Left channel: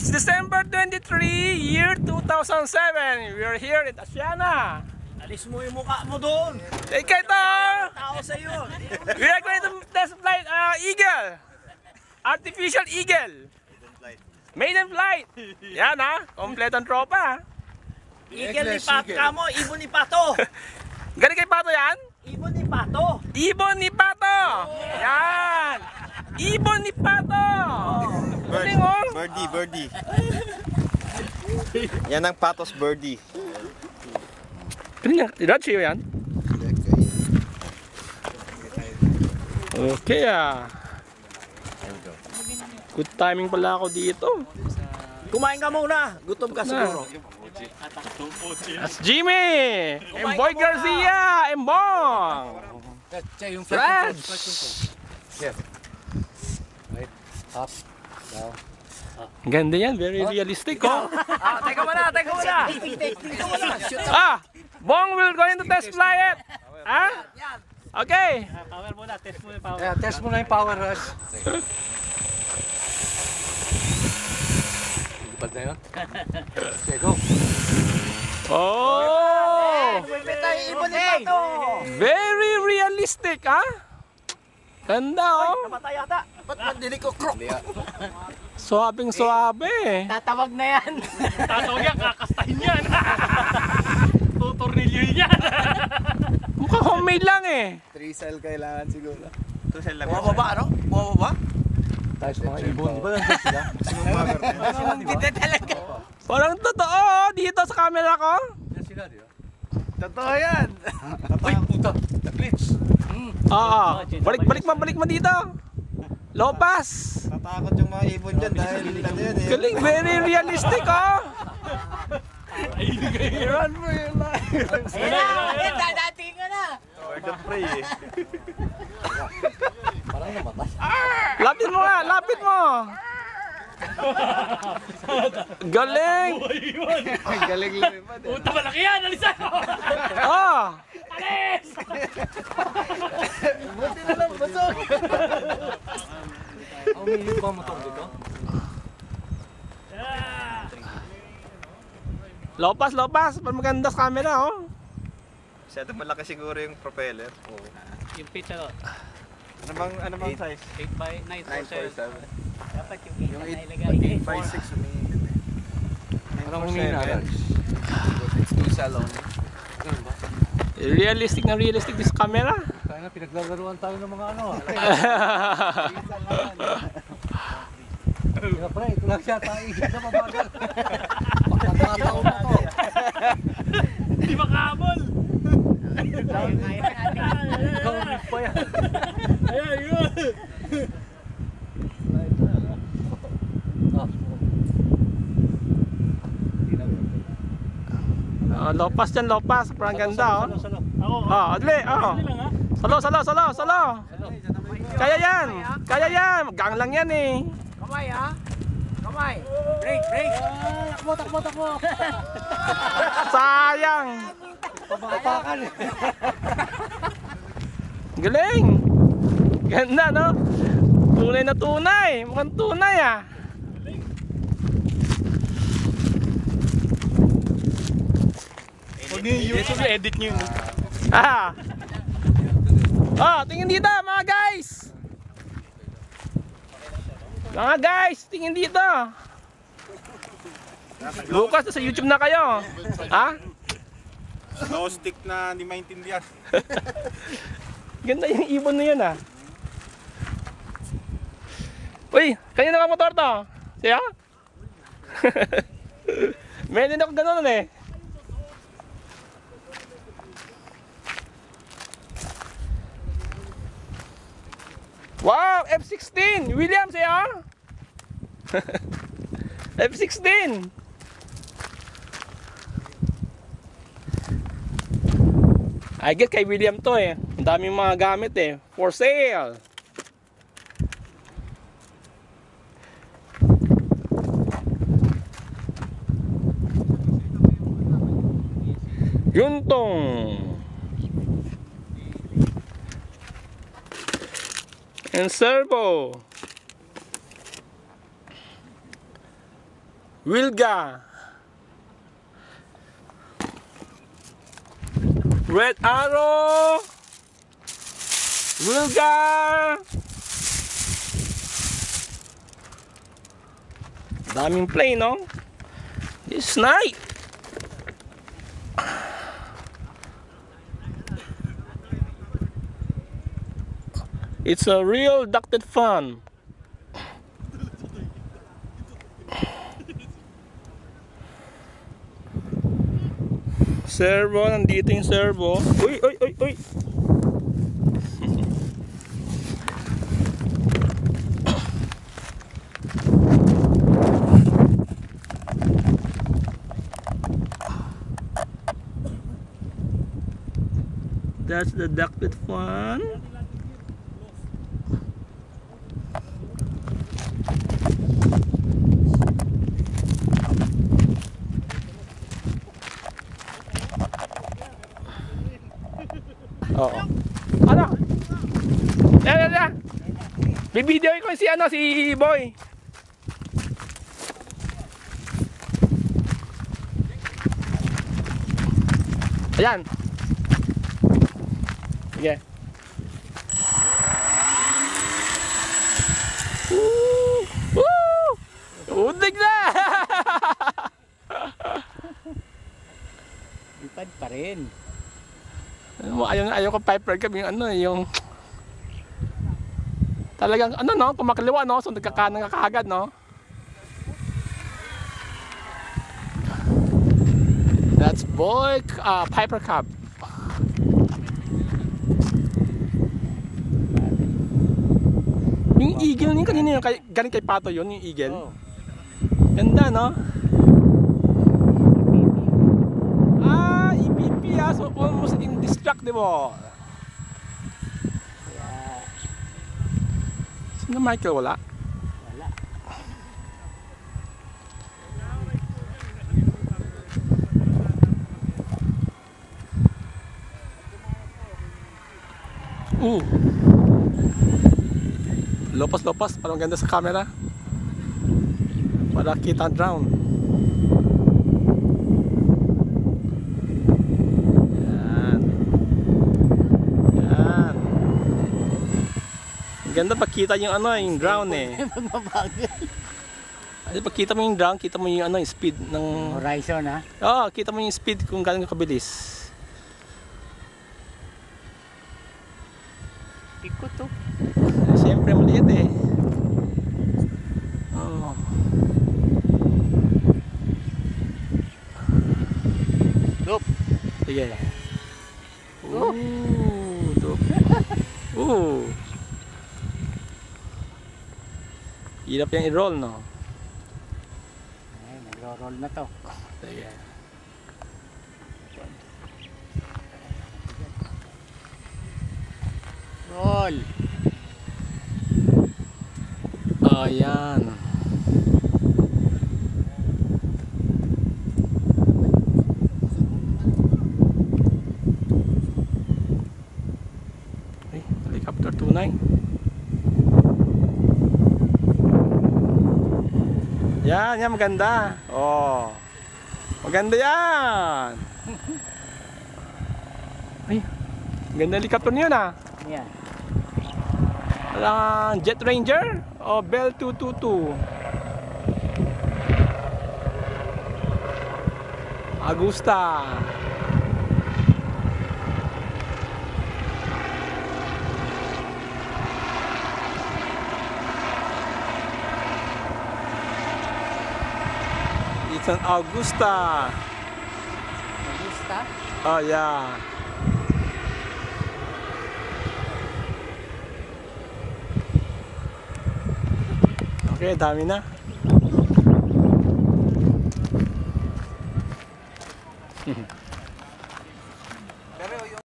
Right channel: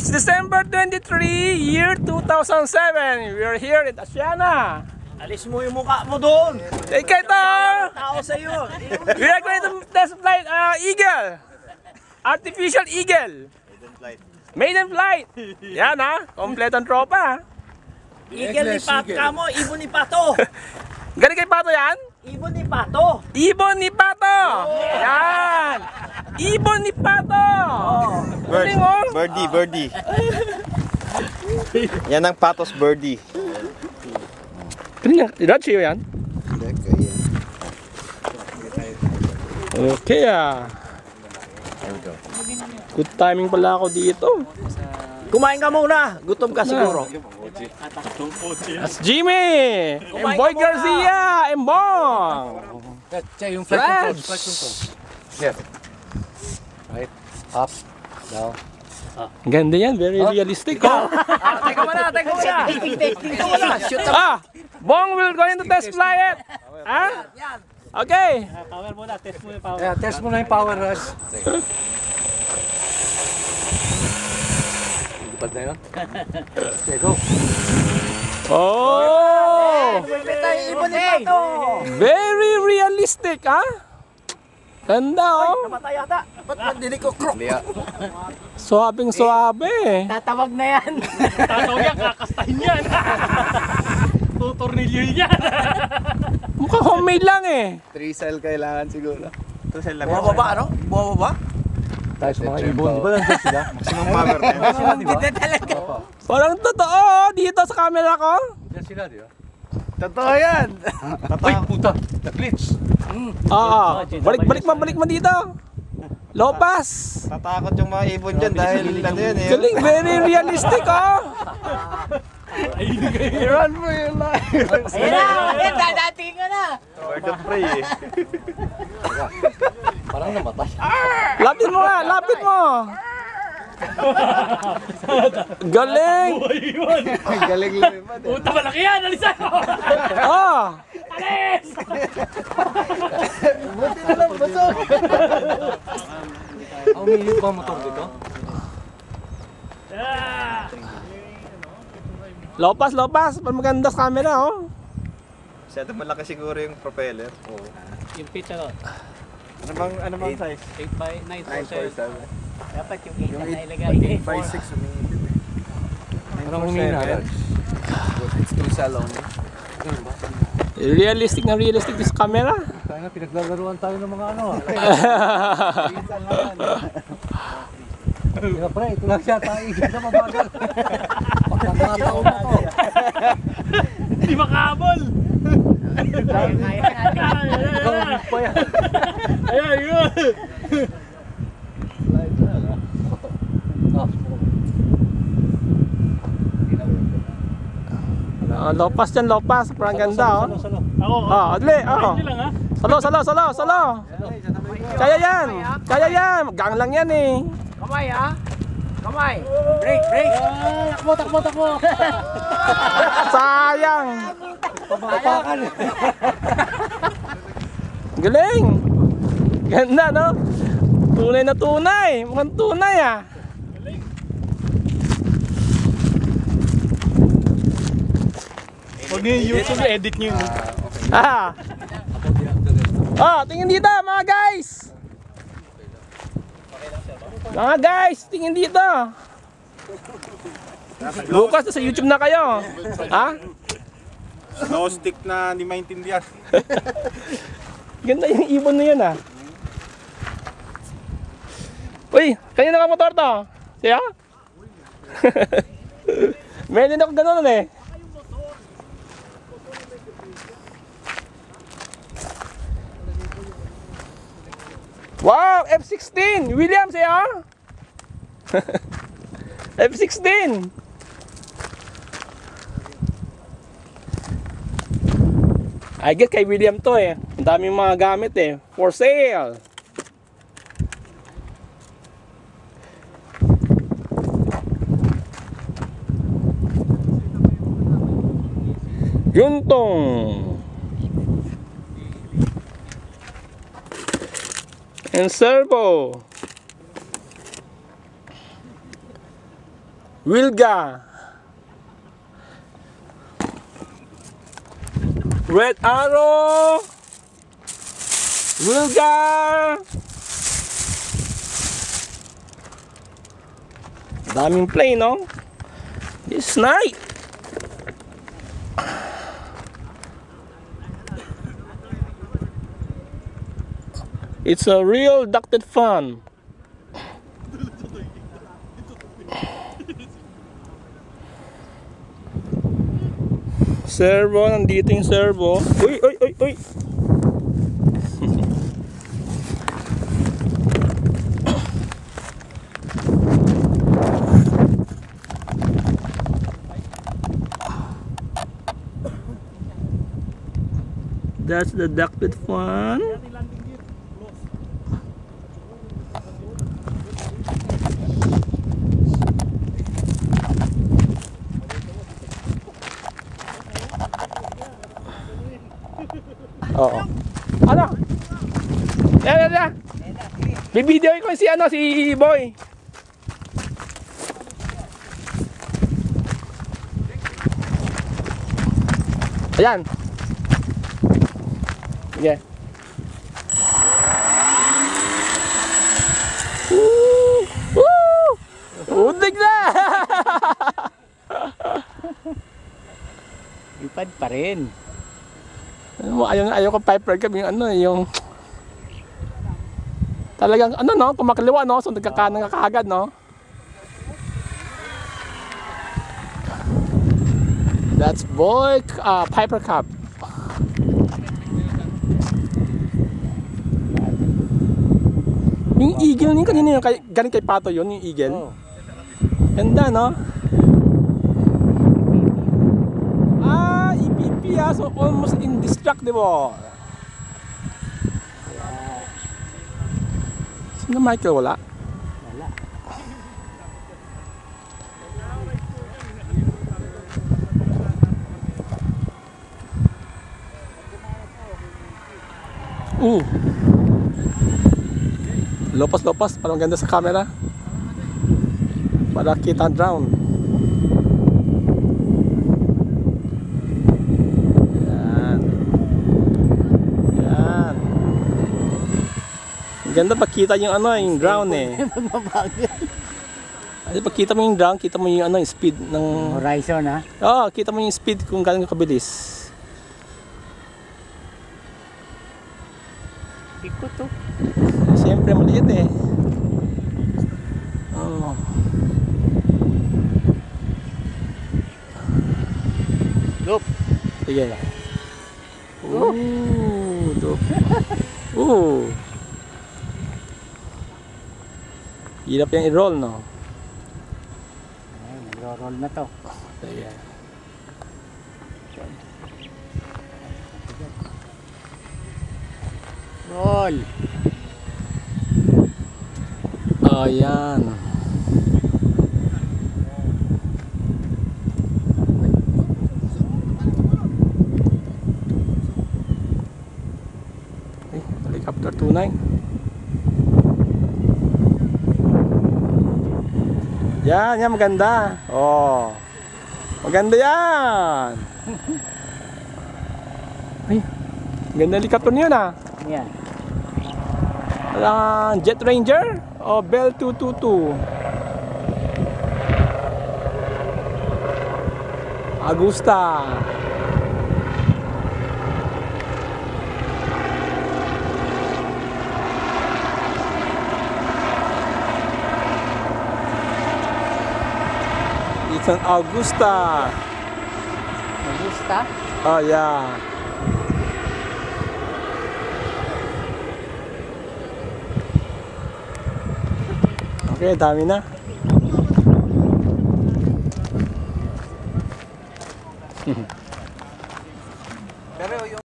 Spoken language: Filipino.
it's December 23, year 2007. We're here in Asiana. Alis mo yung mukha mo doon. Take it Tao sa'yo. We are going to test flight Eagle. Artificial Eagle. Maiden flight. Yan ha, kompletong tropa. Eagle ni Pato ka mo, ibon ni Pato. Galing kay Pato yan? Ibon ni Pato. Ibon ni Pato. Yan. Ibon ni Pato. Galing oh. Birdie. Yan ang Patos birdie. Ganyan, Rachi yan? Okay ah. Good timing pala ako dito. Kumain ka muna. Gutom ka siguro. That's Jimmy! Emboy Garcia! Embong! Yung flight control. Here. Right. Up. Down. Ganda yan. Very realistic. Oh. Teka muna. Bong will going to test fly it. Okay. Power muna. Test mo yung power. Yeah, test mo na yung power rush. Lipad na yun. Okay, go. Oh! Ibon ni Pato. Very realistic, ha? Ganda, oh. Namatay yata. Ba't mandili ko krok? Suabing-suabe. Tatawag na yan. Tatawag yan, kakastahin yan. Tutornilyo yan. Mukhang homemade lang eh. 3 cell kailangan siguro. 2 cell lang. Bumababa ano? Bumababa? Tayo sa mga ibon, di ba nandiyan sila? Maximum power na yun. Sila, di ba? Hindi talaga. Parang totoo, dito sa camera ko. Nandiyan sila, di ba? Totoo yan! Ay, puta! Nag-glitch! Balik mo dito. Lopas. Tatakot yung mga ibon dyan dahil ano yun eh. Galing, very realistic, oh. Run for your life! Ayan na! Dadating ka na! Bird of prey eh. Parang namatay. Lapit mo nga, lapit mo. Galing. Ay, galing lumipad eh. Puta, malaki yan! Alisan! Oh. Alis! Buti na lang, busog! Umilit ba ang motor dito? Lopas. Maganda sa camera, oh. Masyadong malaki siguro yung propeller. Oo. Yung pitch ano? Ano bang size? 8 by 9 Dapat yung kita na ilagay. 8x6 umiilit eh. Parang humina yan. It's 2 cell only. Realistic this camera. Kaya nga pinaglalaruan tayo ng mga ano. Kaya pre, ito lang siya tayo sa mabagal. Pagkakataon na to. Hindi makahabol. Kaya natin. Gawin pa yan. Ayan, yun. Lopas dyan, lopas. Parang ganda, oh. Adli, oh. Salo. Kaya yan. Gang lang yan, eh. Kamay ha? Kamay. Break. Takbo. Sayang. Pabakakan. Galing. Ganda, no? Tunay na tunay. Mukhang tunay, ah. Huwag niyo yung YouTube, edit niyo yun. Tingin dito, mga guys. Tingin dito. Bukas sa YouTube na kayo. Ha? No stick na hindi maintindihan. Ganda yung ibon na yun, ah. Uy, kanina ka motor to? Siya? Meron ako ganun eh. Wow, F-16! Williams siya? F-16! I guess kay William to eh. Ang daming mga gamit eh. For sale! Yuntong and servo. Wilga. Red Arrow. Wilga. Daming plane, no? This night. It's a real ducted fun. Servo, nandito yung servo. Uy, uy, uy, uy. That's the ducted fun. Oo. Ano? Yan. Bibideo ko si si Boy. Ayan. Sige. Udig na! Lipad pa rin. Ayaw ko Piper Cub yung talagang no, kumakaliwa no, so nagkakanan ka kaagad no. That's Boy Piper Cub. Yung eagle niya kanina yung galing kay Pato yun, yung eagle. Oh. Ganda no? EPP so almost indestructible. Sino Michael? Wala? Wala. Lopas, parang ganda sa camera. Para kita drown. Ganda pagkita yung yung drown eh. Ay pagkita mo yung drown, kita mo yung yung speed ng Horizon ha? Oo, kita mo yung speed kung gaano kabilis. Ikot to. Siyempre maliit eh. Oh. Loop. Sige. Loop. Hirap yung i-roll, no? Ay, nagro-roll na to. Sige. Roll. Oh, yan. Ay, helicopter 29. Yan, maganda. Oh. Maganda yan. Ay, ganda helicopter niyo na. Yan. Jet Ranger o Bell 222. Agusta. It's an Augusta. Augusta? Oh yeah. Okay, dami na.